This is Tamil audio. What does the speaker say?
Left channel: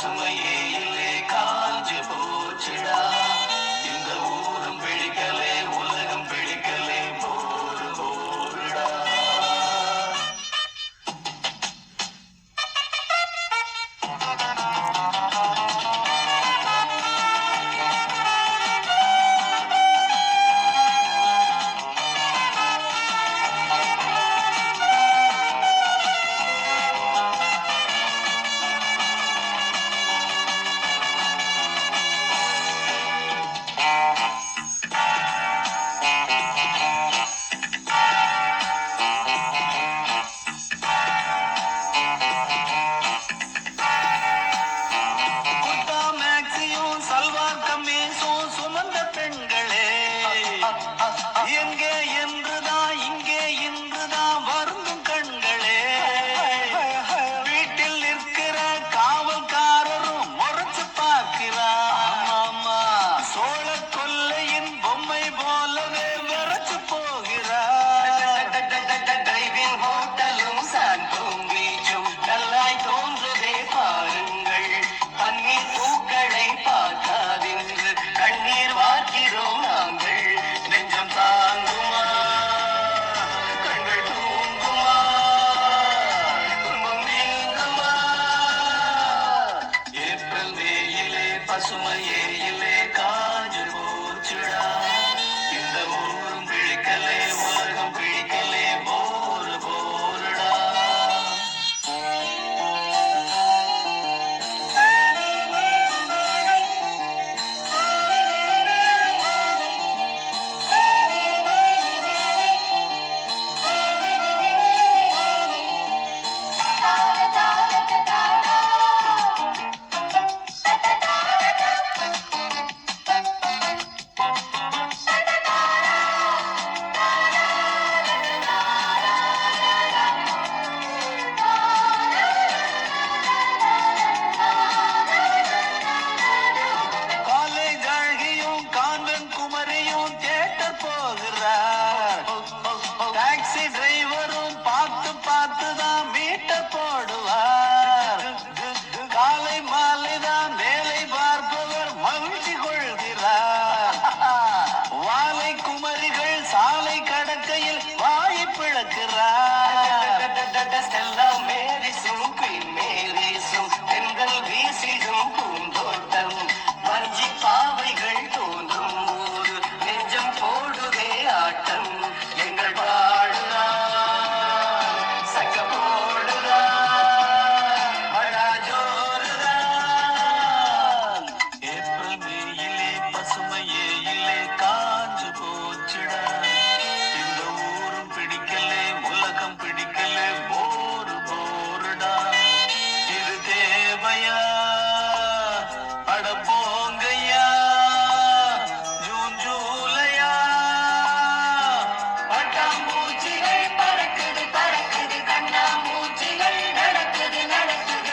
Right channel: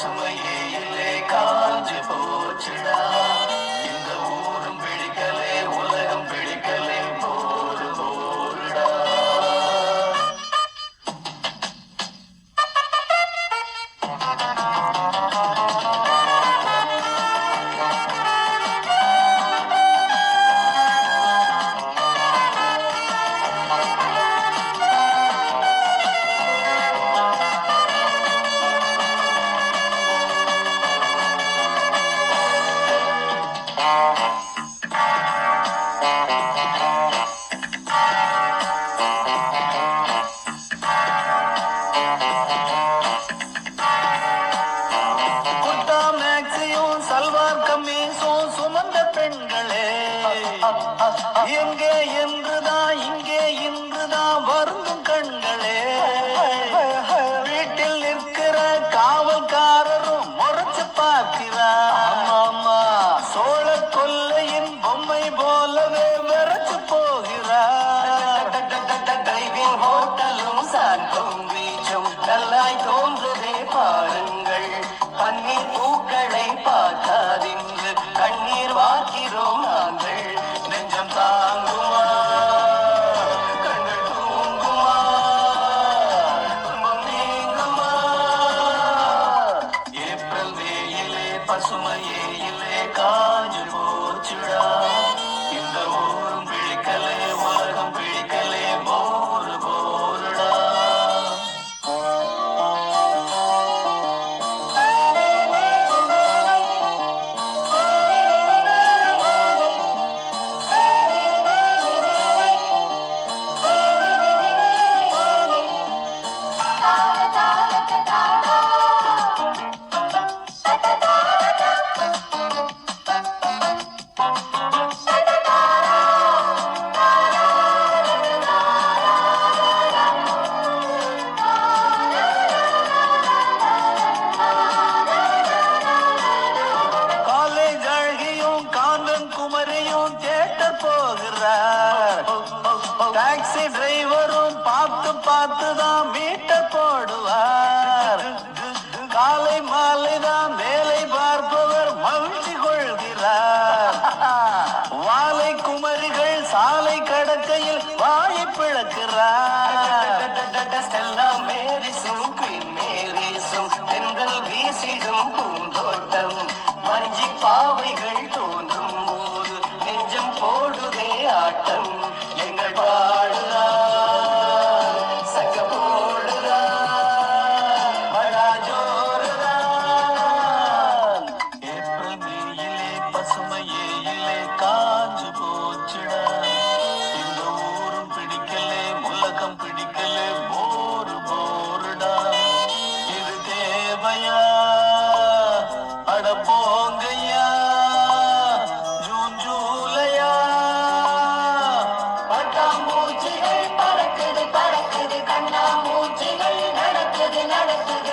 பசுமையே இல்லை காஞ்சு போச்சுடா. இந்த ஊரும் பிடிக்கலே உலகம் பிடிக்கலே போரு போருடா. எங்கே என்றுதான் இங்கே இன்றுதான் வருந்தும் கண்களே. வீட்டில் நிற்கிற காவல்காரரும் முறைச்சு பார்க்கிறார். சோழ கொல்லையின் பொம்மை போலவே விரைச்சு போகிறார். டிரைவிங் ஹோட்டலும் சாந்தோம் பீச்சும் நல்லாய் தோன்றுதே பாருங்கள். பன்னீர் பூக்களை பார்க்காதென்று கண்ணீர் வார்க்கிறோம் நாங்கள். நெஞ்சம் தாங்குமா, கண்கள் தூங்குமா, துன்பம் நீங்குமா? ஏப்ரல் மேயிலே பசுமையே இல்லை காஞ்சு போச்சுடா. இந்த ஊரும் பிடிக்கலே உலகம் பிடிக்கலே போரு போருடா. குமரியும் தியேட்டர் போகிறார். டாக்ஸி டிரைவரும் பார்த்து பார்த்துதான் மீட்டர் போடுவார். காலை மாலைதான் வேலை பார்ப்பவர் மகிழ்ச்சி கொள்கிறார். வாழை குமரிகள் சாலை கடக்கையில் வாயை பிளக்கிறார். மேரிசும் குயின் மேரிசும் பெண்கள் வீசிடும் பூந்தோட்டம். வஞ்சி பாவைகள் தோன்றும் போது நெஞ்சம் போடுதே ஆட்டம். எங்கள் பாடுதா சங்க போடுதா மழா ஜோருதான். ஏப்ரல் மேயிலே பசுமையே இல்லை காஞ்சு போச்சுடா. இந்த ஊரும் பிடிக்கலே உலகம் பிடிக்கலே போரு போருடா. இது தேவையா அட போங்கய்யா. ஜூன் ஜூலையா பட்டாம்பூச்சிகள் பறக்குது பறக்குது கண்ணாமூச்சிகள் நடக்குது நடக்குது